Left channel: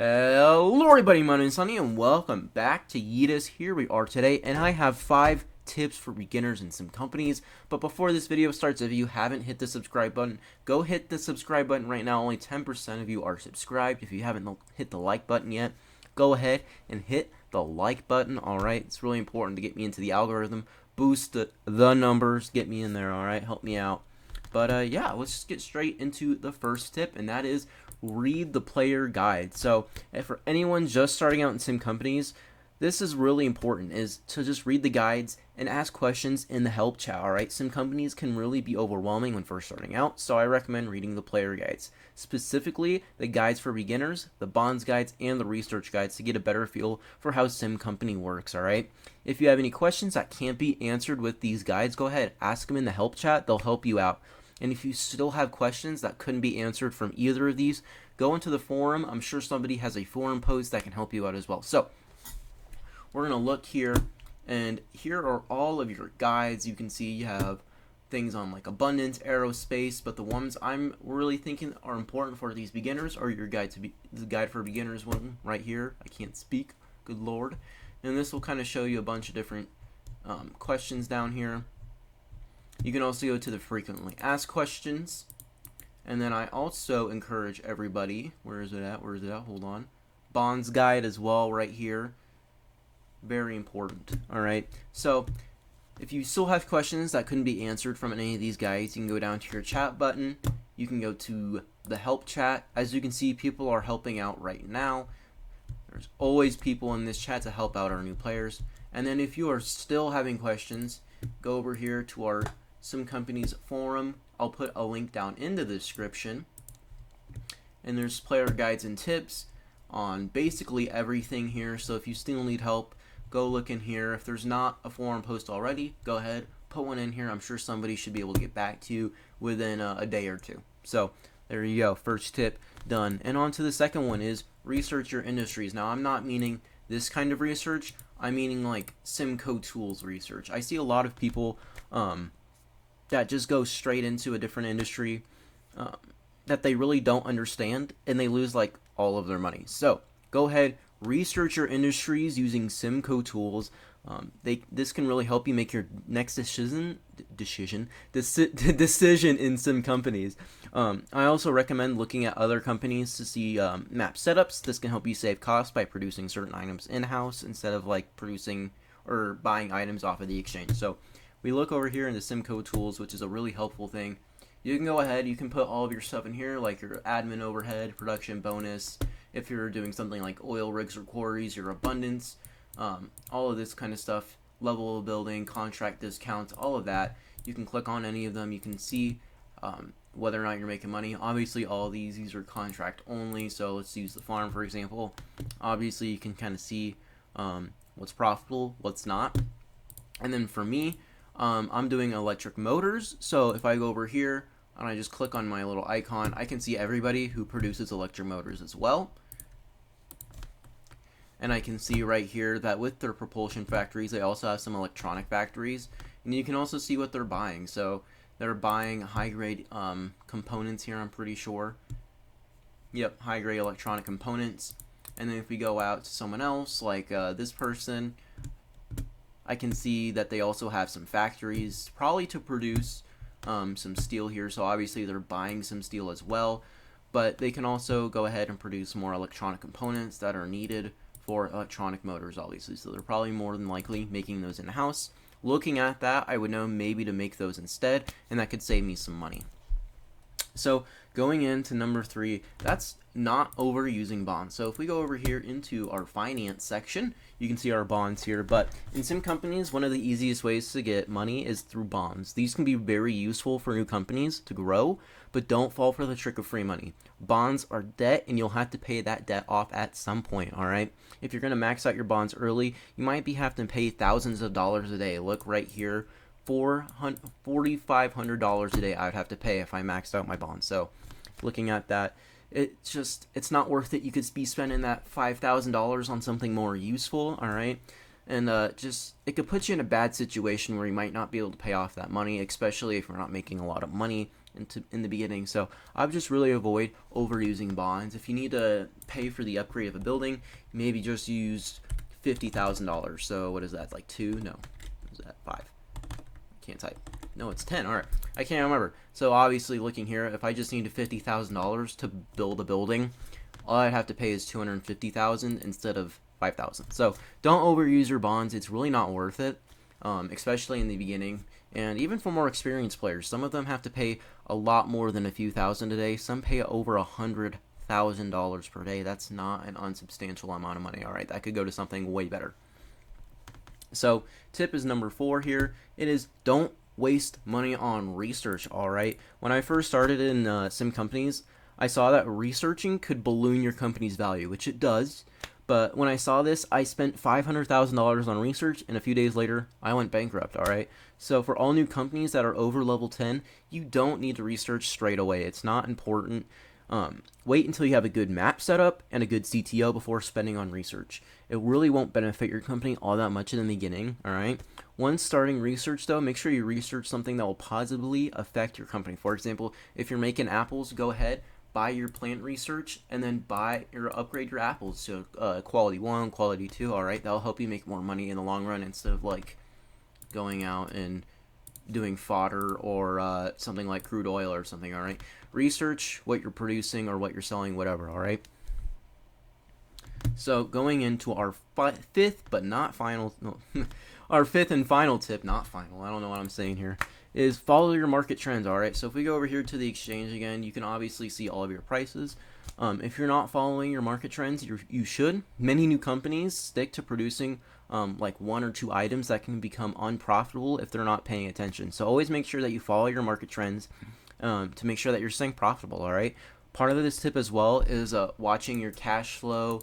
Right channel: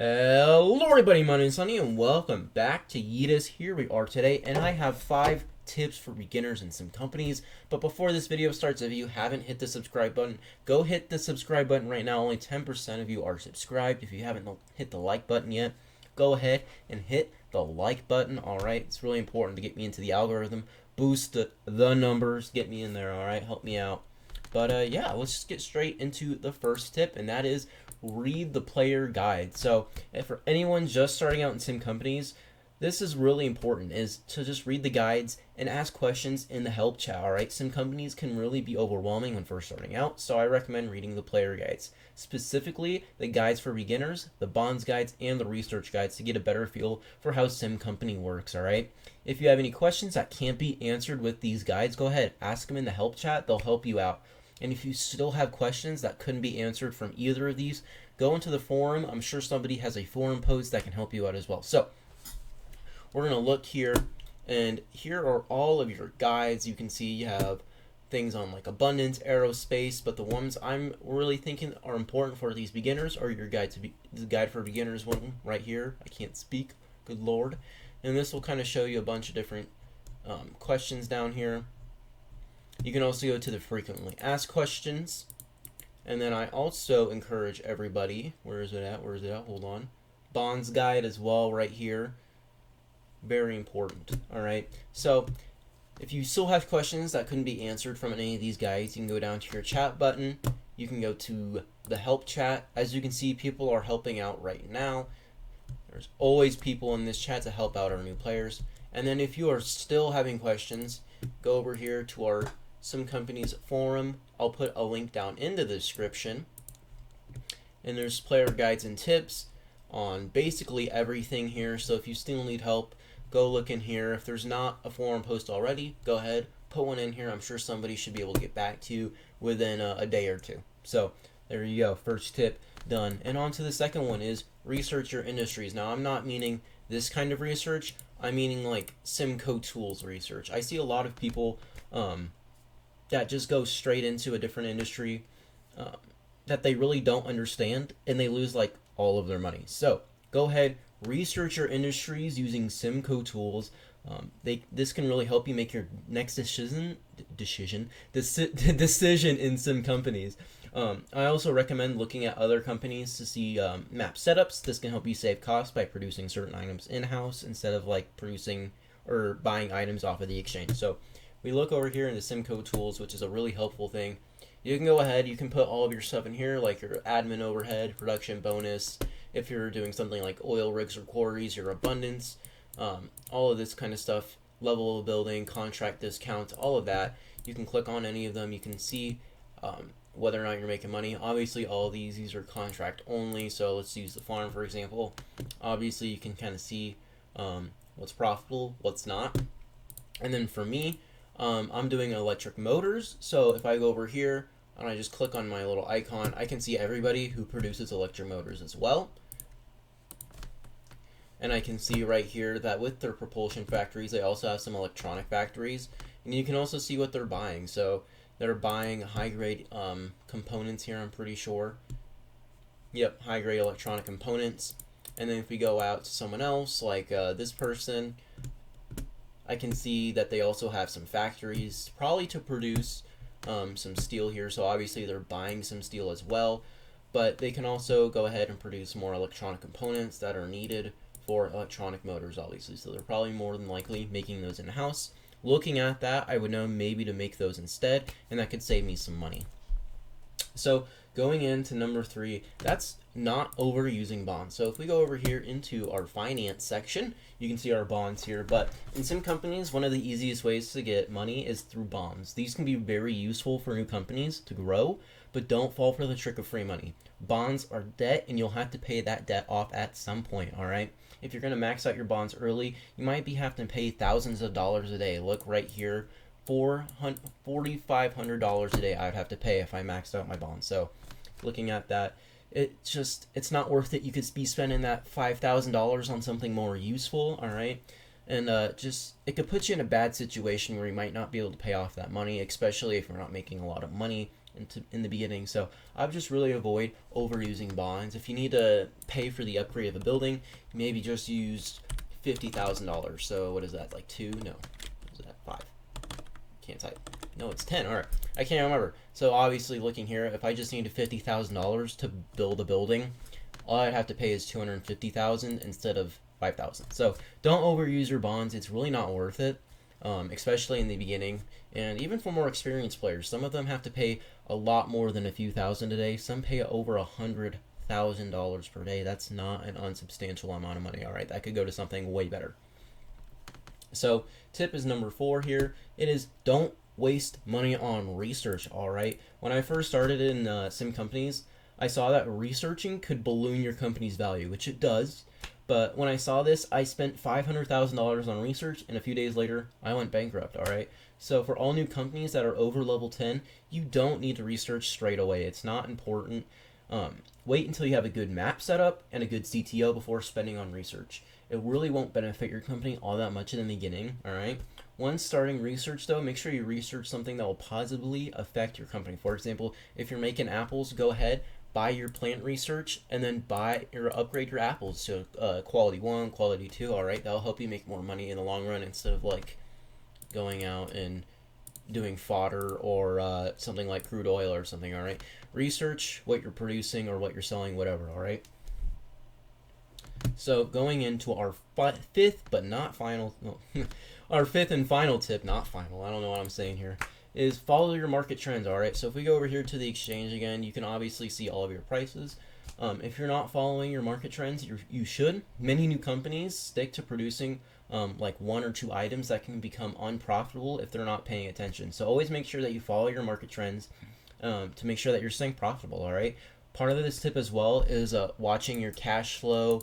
Hello everybody, my name is Sunny and welcome back to Yeetus. Here we are today and I have 5 tips for beginners in some companies. But before this video starts, if you haven't hit the subscribe button, go hit the subscribe button right now. Only 10% of you are subscribed. If you haven't hit the like button yet, go ahead and hit the like button, alright? It's really important to get me into the algorithm, boost the numbers, get me in there, alright? Help me out. But yeah, let's just get straight into the first tip, and that is read the player guide. So for anyone just starting out in sim companies, this is really important, is to just read the guides and ask questions in the help chat. Alright, sim companies can really be overwhelming when first starting out, so I recommend reading the player guides, specifically the guides for beginners, the bonds guides, and the research guides to get a better feel for how sim company works. Alright, if you have any questions that can't be answered with these guides, go ahead, ask them in the help chat. They'll help you out. And if you still have questions that couldn't be answered from either of these, go into the forum. I'm sure somebody has a forum post that can help you out as well. So we're going to look here, and here are all of your guides. You can see you have things on like abundance, aerospace, but the ones I'm really thinking are important for these beginners are your guide to the guide for beginners one right here. I can't speak, good lord. And this will kind of show you a bunch of different questions down here. You can also go to the frequently asked questions. And then I also encourage everybody, where is it at? Hold on. Bonds guide as well right here. Very important. Alright. So if you still have questions that couldn't be answered from any of these guides, you can go down to your chat button. You can go to the help chat. As you can see, people are helping out right now. There's always people in this chat to help out our new players. And then if you are still having questions, go over here to our Sim Companies forum. I'll put a link down in the description. And there's player guides and tips on basically everything here. So if you still need help, go look in here. If there's not a forum post already, go ahead, put one in here. I'm sure somebody should be able to get back to you within a day or two. So there you go. First tip done. And on to the second one is research your industries. Now I'm not meaning this kind of research. I'm meaning like Simco tools research. I see a lot of people that just go straight into a different industry that they really don't understand, and they lose like all of their money. So go ahead, research your industries using Simco tools. This can really help you make your next decision in sim companies. I also recommend looking at other companies to see map setups. This can help you save costs by producing certain items in-house instead of like producing or buying items off of the exchange. So we look over here in the Simco tools, which is a really helpful thing. You can go ahead, you can put all of your stuff in here, like your admin overhead, production bonus, if you're doing something like oil rigs or quarries, your abundance, all of this kind of stuff, level of building, contract discounts, all of that. You can click on any of them. You can see whether or not you're making money. Obviously, all of these are contract only, so let's use the farm, for example. Obviously, you can kind of see what's profitable, what's not. And then for me, I'm doing electric motors, so if I go over here and I just click on my little icon, I can see everybody who produces electric motors as well. And I can see right here that with their propulsion factories, they also have some electronic factories. And you can also see what they're buying. So they're buying high-grade components here, I'm pretty sure. Yep, high-grade electronic components. And then if we go out to someone else, like this person, I can see that they also have some factories, probably to produce some steel here. So obviously they're buying some steel as well. But they can also go ahead and produce more electronic components that are needed for electronic motors, obviously. So they're probably more than likely making those in-house. Looking at that, I would know maybe to make those instead, and that could save me some money. So going into number 3, that's not overusing bonds. So if we go over here into our finance section, you can see our bonds here. But in sim companies, one of the easiest ways to get money is through bonds. These can be very useful for new companies to grow, but don't fall for the trick of free money. Bonds are debt, and you'll have to pay that debt off at some point, alright? If you're going to max out your bonds early, you might be having to pay thousands of dollars a day. Look right here, $4,500 a day I'd have to pay if I maxed out my bonds. So looking at that, it's not worth it. You could be spending that $5,000 on something more useful, alright? And it could put you in a bad situation where you might not be able to pay off that money, especially if you're not making a lot of money in the beginning. So I would just really avoid overusing bonds. If you need to pay for the upgrade of a building, maybe just use $50,000. So what is that, like 2? No, what is that, 5? Can't type. No, it's 10. All right, I can't remember. So obviously, looking here, if I just needed $50,000 to build a building, all I'd have to pay is $250,000 instead of $5,000. So don't overuse your bonds. It's really not worth it, especially in the beginning. And even for more experienced players, some of them have to pay a lot more than a few thousand a day. Some pay over $100,000 per day. That's not an unsubstantial amount of money. All right, that could go to something way better. So tip is number 4 here. It is don't waste money on research. All right, when I first started in sim companies, I saw that researching could balloon your company's value, which it does. But when I saw this, I spent $500,000 on research, and a few days later, I went bankrupt. All right. So for all new companies that are over level 10, you don't need to research straight away. It's not important. Wait until you have a good map set up and a good CTO before spending on research. It really won't benefit your company all that much in the beginning. All right. Once starting research, though, make sure you research something that will positively affect your company. For example, if you're making apples, go ahead, buy your plant research, and then buy or upgrade your apples to quality 1, quality 2. All right, that'll help you make more money in the long run instead of like going out and doing fodder or something like crude oil or something. All right, research what you're producing or what you're selling, whatever. All right. So going into our fifth but not final, no, our fifth and final tip, not final, I don't know what I'm saying here, is follow your market trends. All right, so if we go over here to the exchange again, you can obviously see all of your prices. If you're not following your market trends, you should. Many new companies stick to producing like 1 or 2 items that can become unprofitable if they're not paying attention. So always make sure that you follow your market trends to make sure that you're staying profitable. All right. Part of this tip as well is watching your cash flow,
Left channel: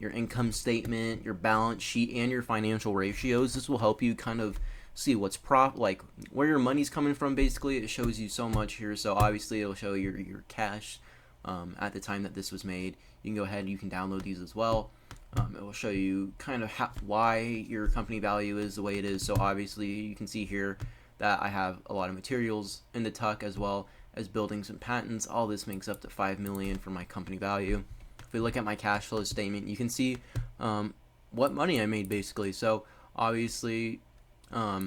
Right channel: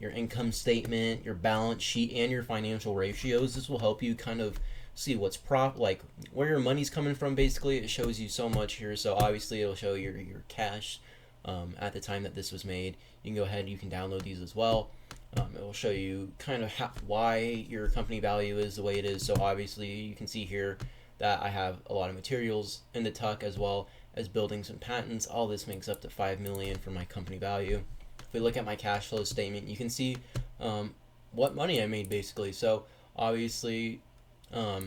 your income statement, your balance sheet, and your financial ratios. This will help you kind of see what's like where your money's coming from. Basically, it shows you so much here. So obviously, it'll show your cash at the time that this was made. You can go ahead and you can download these as well. It will show you kind of why your company value is the way it is. So obviously, you can see here that I have a lot of materials in the tuck as well as buildings and patents. All this makes up to $5 million for my company value. If we look at my cash flow statement, you can see what money I made basically. So obviously, I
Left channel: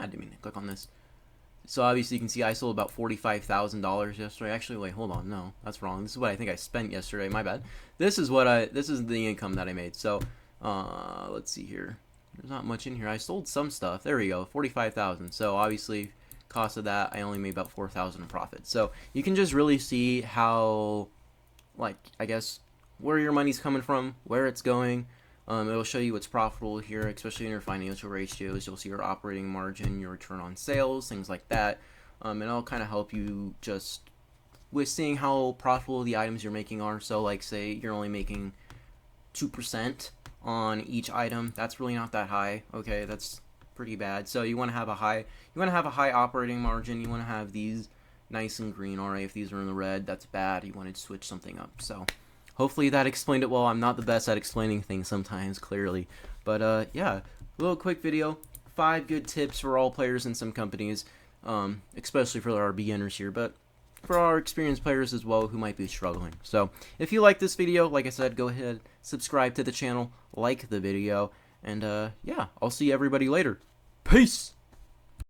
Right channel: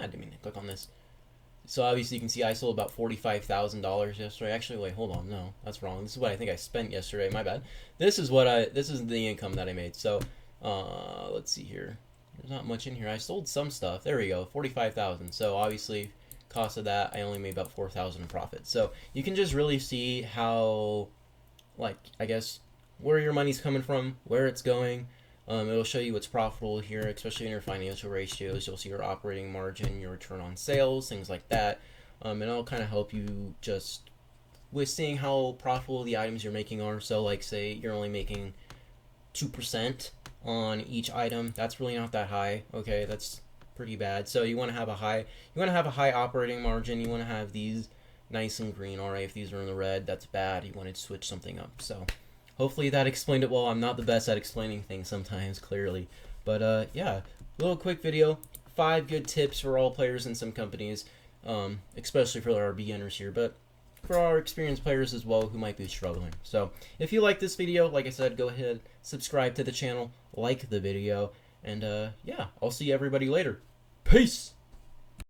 didn't mean to click on this. So obviously you can see I sold about $45,000 yesterday. Actually, wait, hold on, no, that's wrong. This is what I think I spent yesterday. My bad. This is the income that I made. So let's see here. There's not much in here. I sold some stuff. There we go, $45,000. So obviously, cost of that, I only made about $4,000 in profit. So you can just really see how, like, I guess, where your money's coming from, where it's going. It'll show you what's profitable here, especially in your financial ratios. You'll see your operating margin, your return on sales, things like that. And it'll kind of help you just with seeing how profitable the items you're making are. So, like, say you're only making 2% on each item. That's really not that high. Okay, that's pretty bad. So you want to have a high operating margin. You want to have these nice and green. All right, if these are in the red, that's bad. You want to switch something up. So hopefully that explained it well. I'm not the best at explaining things sometimes, clearly. But yeah, a little quick video. 5 good tips for all players in some companies, especially for our beginners here, but for our experienced players as well who might be struggling. So if you like this video, like I said, go ahead, subscribe to the channel, like the video, and yeah, I'll see everybody later. Peace!